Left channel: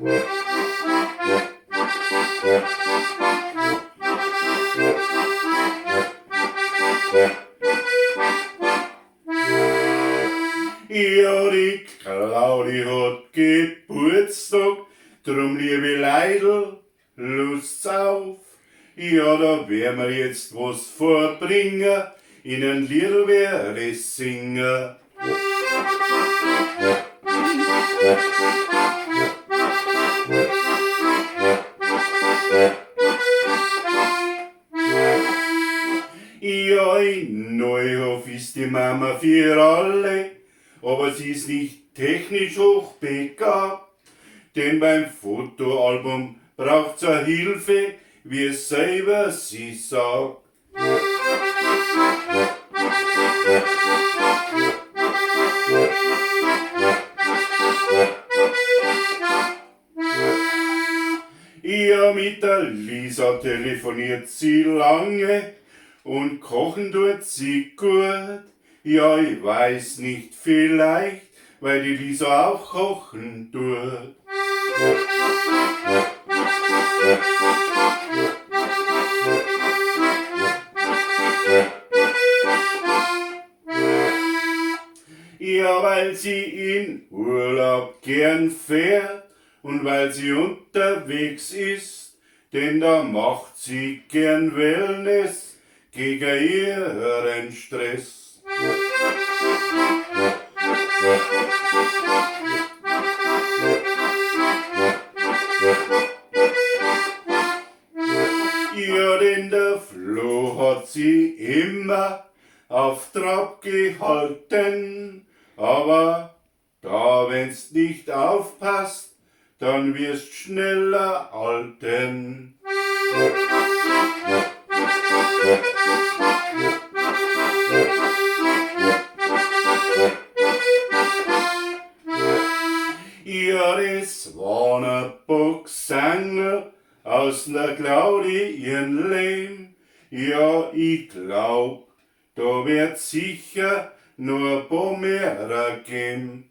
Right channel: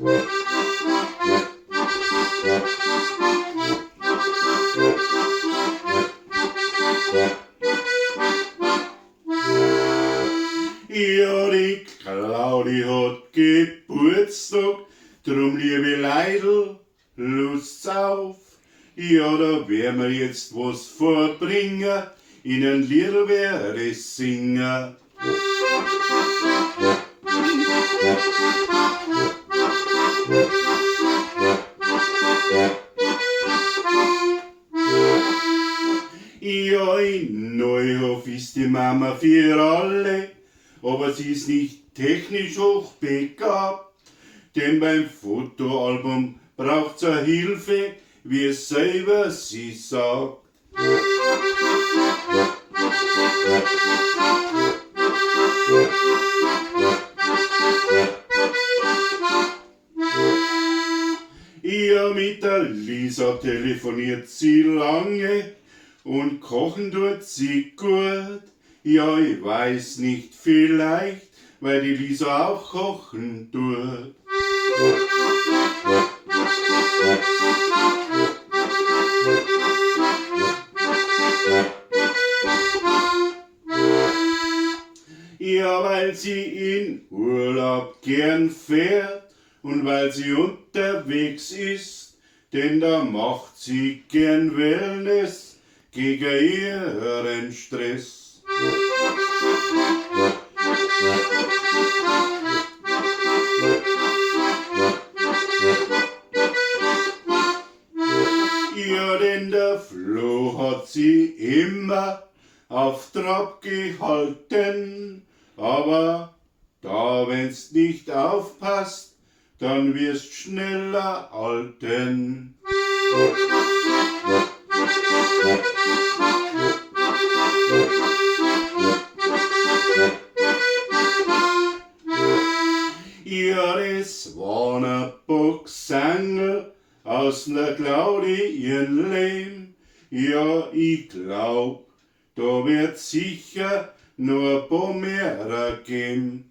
Ja, die Claudi hat Geburtstag, drum liebe Leidl, Lust's auf. Ja, da werden wir jetzt was vorbringen, ihnen Liedl werde singen. Ja, in Neuhof ist die Mama für alle, aber sie ist nicht technisch hochbegabt, denn beim Fotoalbum braucht's a Hilfe, wie es selber sie sagt. Ja, mit der Lisa telefoniert sie lange und kochen tut sie gut. Ja, ich weiß nicht, vielleicht, weil die Lisa auch kochen tut. Ja, weil sie in Urlaub gern fährt und weil sie unterwegs ist, denn da macht sie gern Wellness gegen ihren Stress. Ja, denn der Flo hat sie immer auf Trab gehalten, aber da wenn's nicht aufpasst, dann wirst schneller alten. Ja, das war ne Boxangel aus ner Claudi ihren Lehm. Ja, ich glaub, da wird sicher nur ein paar mehr geben.